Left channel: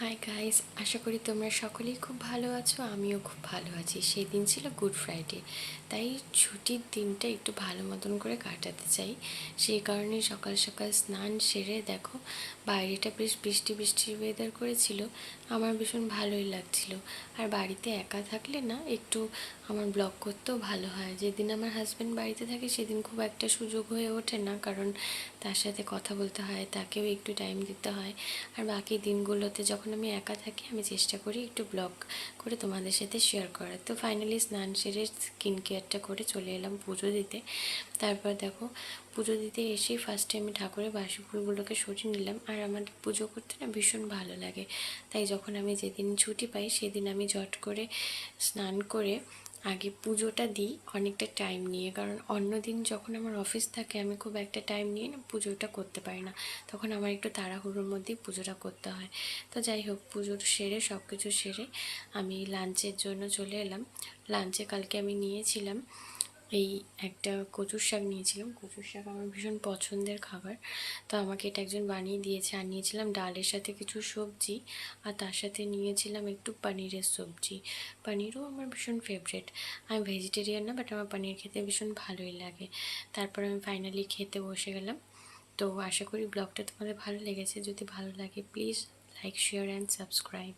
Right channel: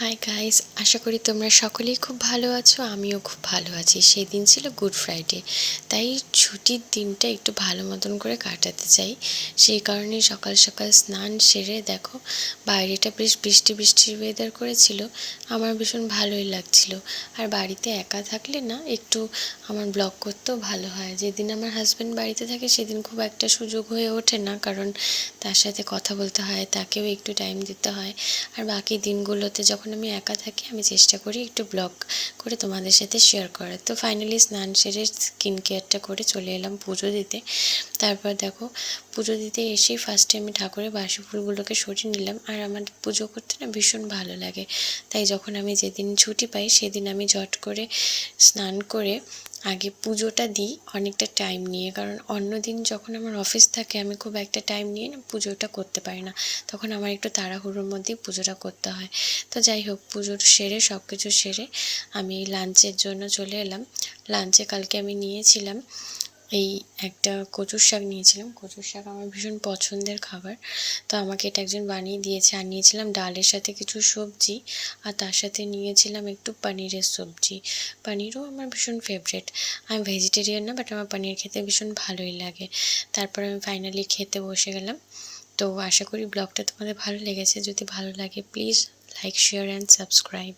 Hi guys, আশা করি তোমরা সকলেই খুব ভালো আছো। আমিও খুব ভালো আছি। সেই দিন ছিল গুড ফ্রাইডে, তাই ছুটির দিনটা একটু ভালো মতন করে কাটাতে চাই। সেই কারণে সকাল সকাল স্নান সেরে দেখো, বাইরেটা বেশ বৃষ্টি বৃষ্টি ওয়েদার করেছিল। আমার ভীষণ ভালোই লাগছিল। আর বাড়িতে একা থাকলে না একটু আমার ব্লগ করতেও ভালো হয়। যেদিন আমার হাজব্যান্ড বাড়িতে থাকে সেদিন খুব একটা সুযোগ হয়ে ওঠে না, কারণ তার সাথে কথা বলতে হয়, তাকেও একটু টাইম দিতে হয়। আর বাকি দিনগুলোতে যখন আমি একা থাকি আমি চেষ্টা করি একটু ব্লগ করে তোমাদের সাথে শেয়ার করার। তো ফাইনালি স্নান সেরে স্কিন কেয়ারটা করে চলে এলাম পুজো দিতে। তারপর দেখো, পুজো দিতে এসেই ফার্স্টে আমি ঠাকুরের বাসি ফুলগুলোকে সরিয়ে নিলাম। আর আমার পুজো করতে না ভীষণ ভালো লাগে, তাই যখন আমি যেদিন ছুটি পাই সেদিন আমি ঝট করে স্নান করে আগে পুজোটা দিই অনেকটা টাইম নিয়ে। কারণ অন্য দিন যখন আমার অফিস থাকে আমি খুব একটা টাইম নিয়ে না পুজোটা করতে পারি না, তখন আমার একটু তাড়াহুড়োর মধ্যেই পুজোটা করতে হয়। তো যাই হোক, পুজো সেরে সব কিছু সেরে আমি লাঞ্চের জন্য চলে এলাম। লাঞ্চে কালকে আমি নিয়েছিলাম এই একটা কচুর শাক নিয়েছিলাম। কচুর শাক আমার ভীষণ পছন্দের খাবার, তো আমাকে এটা একজন বানিয়ে দিয়েছে। আর নিয়েছিলাম ডালের সাথে কিছু সবজি, আর তার সাথে নিয়েছিলাম একটু পনিরের সবজি। পনিরও আমার ভীষণ ফেভারিট। আমি ভেজিটেরিয়ান না, বাট আমার পনির খেতে ভীষণ ভালোই লাগে। তারপর আমি ফাইনালি খেতে বসে গেলাম। তো আশা করি ব্লগটা তোমাদের ভালো লেগেছে। যদি ভালো লাগে please like, share and subscribe.